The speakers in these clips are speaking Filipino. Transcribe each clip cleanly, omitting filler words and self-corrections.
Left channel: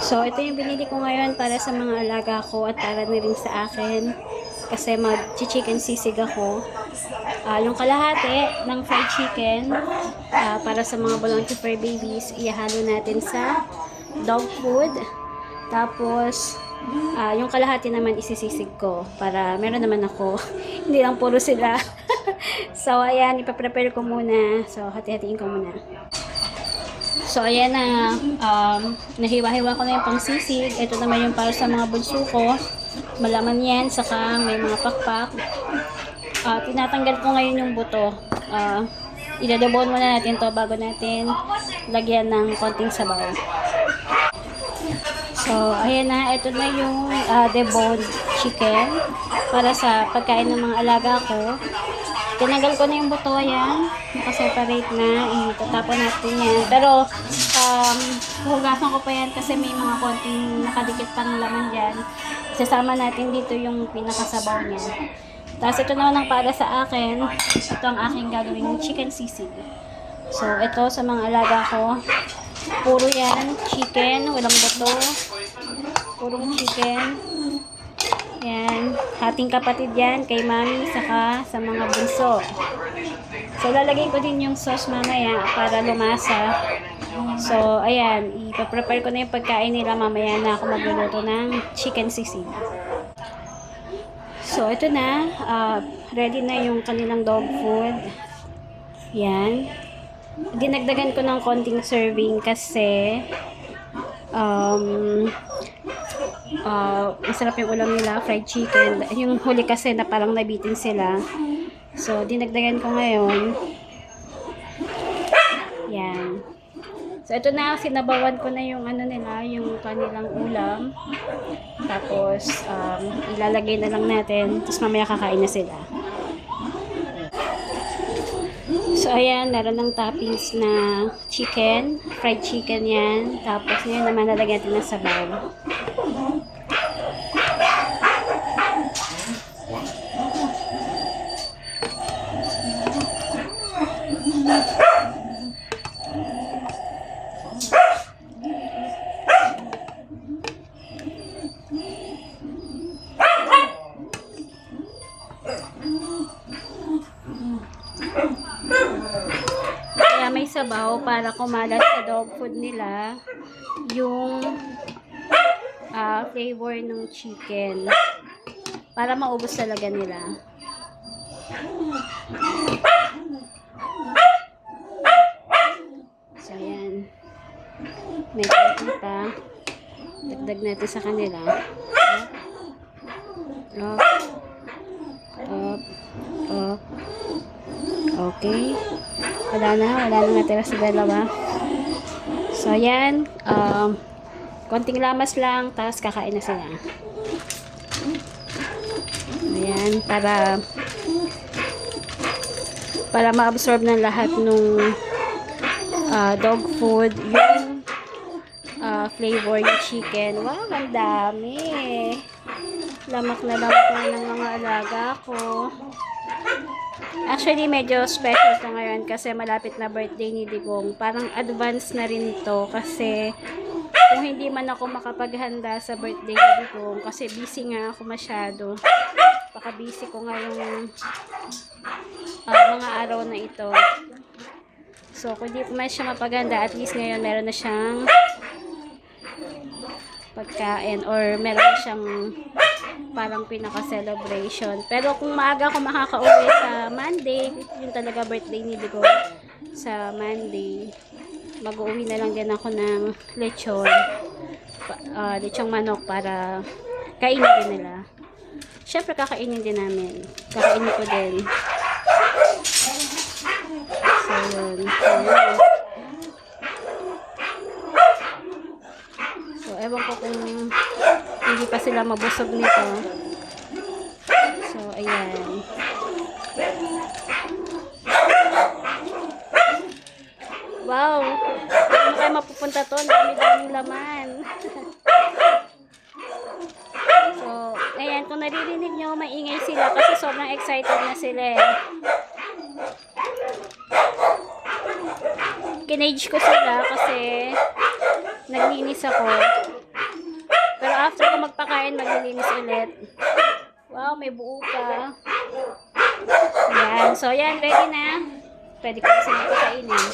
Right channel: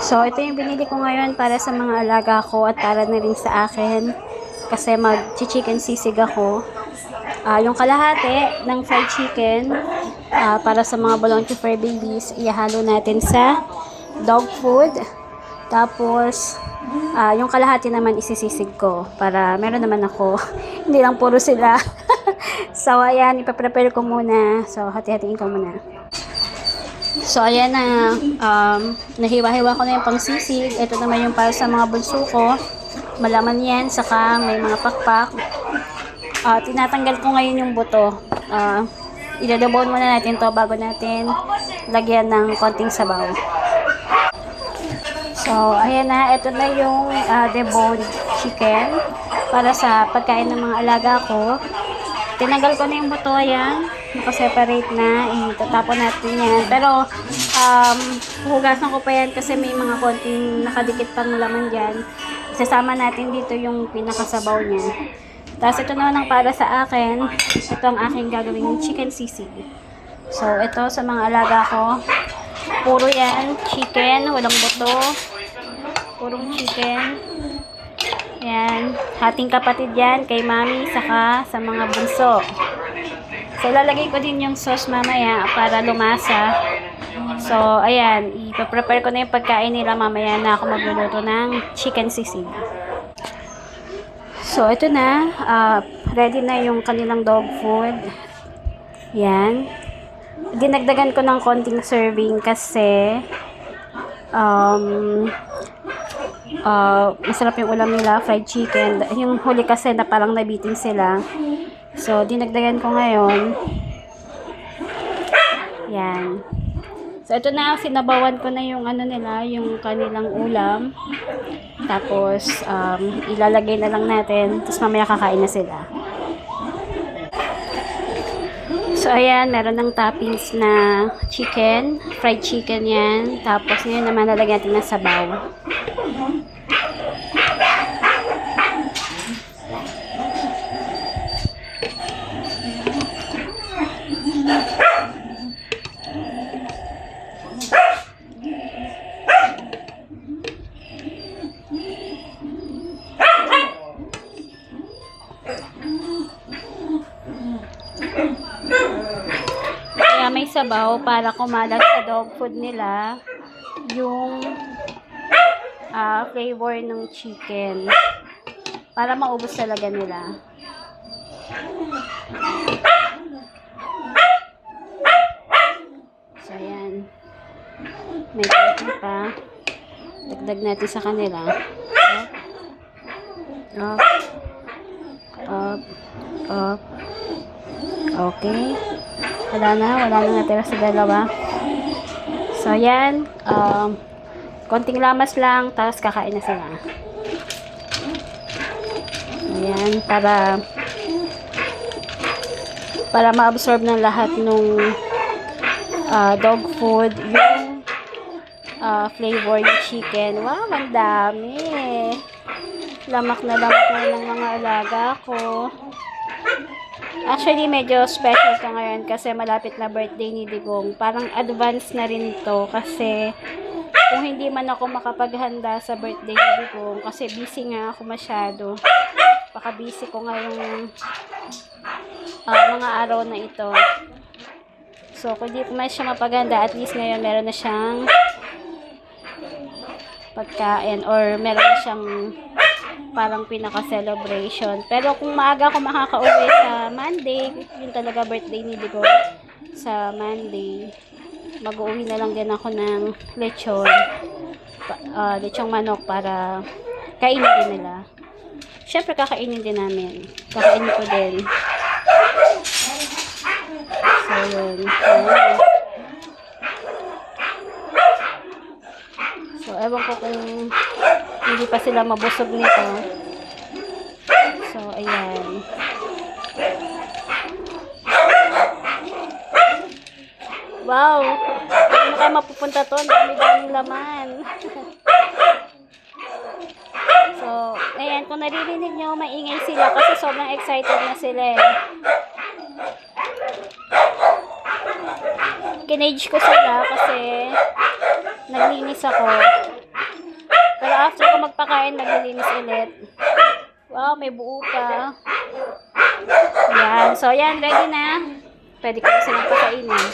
So, ito yung binili ko ngayon para sa mga alaga ko at para na rin sa akin. Kasi mag-chicken sisig ako. Yung kalahati ng fried chicken para sa mga Bolonche Fur babies, ihalo natin sa dog food. Tapos, yung kalahati naman isisisig ko para meron naman ako. Hindi lang puro sila. So, ayan, ipaprepare ko muna. So, hati-hatiin ko muna. So, ayan na. Nahiwa-hiwa ko na yung pangsisig. Ito naman yung para sa mga bunso ko. Malaman yan. Saka may mga pakpak. Tinatanggal ko ngayon yung buto. Idadabon muna natin to bago natin lagyan ng konting sabaw. So, ayan na. Ito na yung deboned chicken para sa pagkain ng mga alaga ko. Tinanggal ko na yung buto, ayan. Nakaseparate na. Itatapon natin yan. Pero, huhugasan ko pa yan kasi may mga konting nakadikit pang laman dyan. Isasama natin dito yung pinakasabaw niya. Tapos, ito naman ang para sa akin. Ito ang aking gagawing chicken sisig. So, ito sa mga alaga ko. Puro yan. Chicken. Walang buto. Purong chicken. Yan, hating kapatid yan kay mami saka sa mga bunso. So, lalagay ko din yung sauce mamaya para lumasa. So, ayan, ipaprepare ko na yung pagkain nila mamaya na ako magluluto ng chicken sisig. So, ito na. Ready na yung kanilang dog food. Yan. Dinagdagan ko ng konting serving kasi masarap yung ulam nila, fried chicken. Yung huli kasi na parang nabitin sila. So, dinagdagan ko ngayon. Yan. So, ito na, sinabawan ko na yung ano nila, yung kanilang ulam. Tapos, ilalagay na lang natin. Tapos, mamaya kakain na sila. So, ayan, meron ng toppings na chicken, fried chicken yan. Tapos, ngayon naman lalagyan natin ng sabaw. Kaya may sabaw para kumalat sa dog food nila yung flavor ng chicken para maubos talaga nila. So ayan, may konti pa, dagdag natin sa kanila. Up. Okay, wala na natira sa dalawa. So ayan, konting lamas lang, tapos kakain na sila. Ayan, para ma-absorb ng lahat nung dog food yung flavor ng chicken. Wow, ang dami. Lamak na ng mga alaga ko. Actually, medyo special to ngayon kasi malapit na birthday ni Digong. Parang advance na rin to kasi kung hindi man ako makapaghanda sa birthday ni Digong kasi busy nga ako masyado. Baka busy ko ngayong mga araw na ito. So, kung hindi ko man siya mapaghanda, at least ngayon meron na siyang pagkain or meron na siyang parang pinaka-celebration. Pero kung maaga ako makaka-uwi sa Monday, yun talaga birthday ni Digong sa Monday, mag-uwi na lang din ako ng lechon, lechong manok para kainin din nila. Siyempre kakainin din namin. Kakainin ko din. So yun. So ewan ko kung hindi pa sila mabusog nito. So, ayan. Wow! Hindi na kayo mapupunta to. Dami-daming laman. So, ayan. Kung naririnig nyo, maingay sila kasi sobrang excited na sila eh. Kinage ko sila kasi naglinis ako. Pero after ko magpakain, maglilinis ulit. Wow, may buo pa. Yan. So, yan. Ready na. Pwede ko na silang pakainin.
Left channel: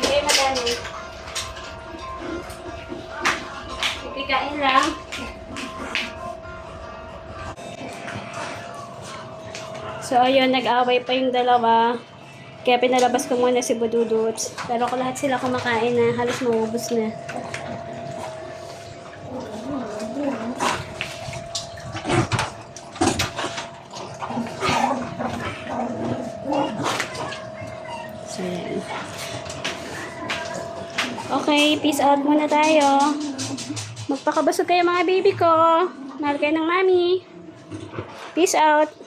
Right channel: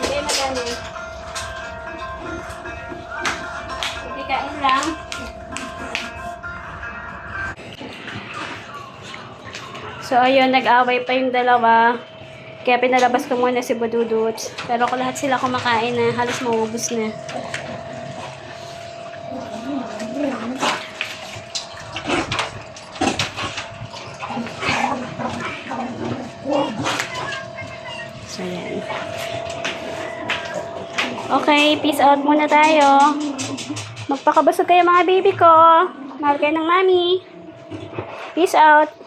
Hindi, madami. Ipikain lang. So, ayun, nag-away pa yung dalawa. Kaya pinalabas ko muna si Bududut. Pero kung lahat sila kumakain na, halos maubos na. So, yan. Okay, peace out muna tayo. Magpakabusog kayo mga baby ko. Mahal kayo ng mami. Peace out.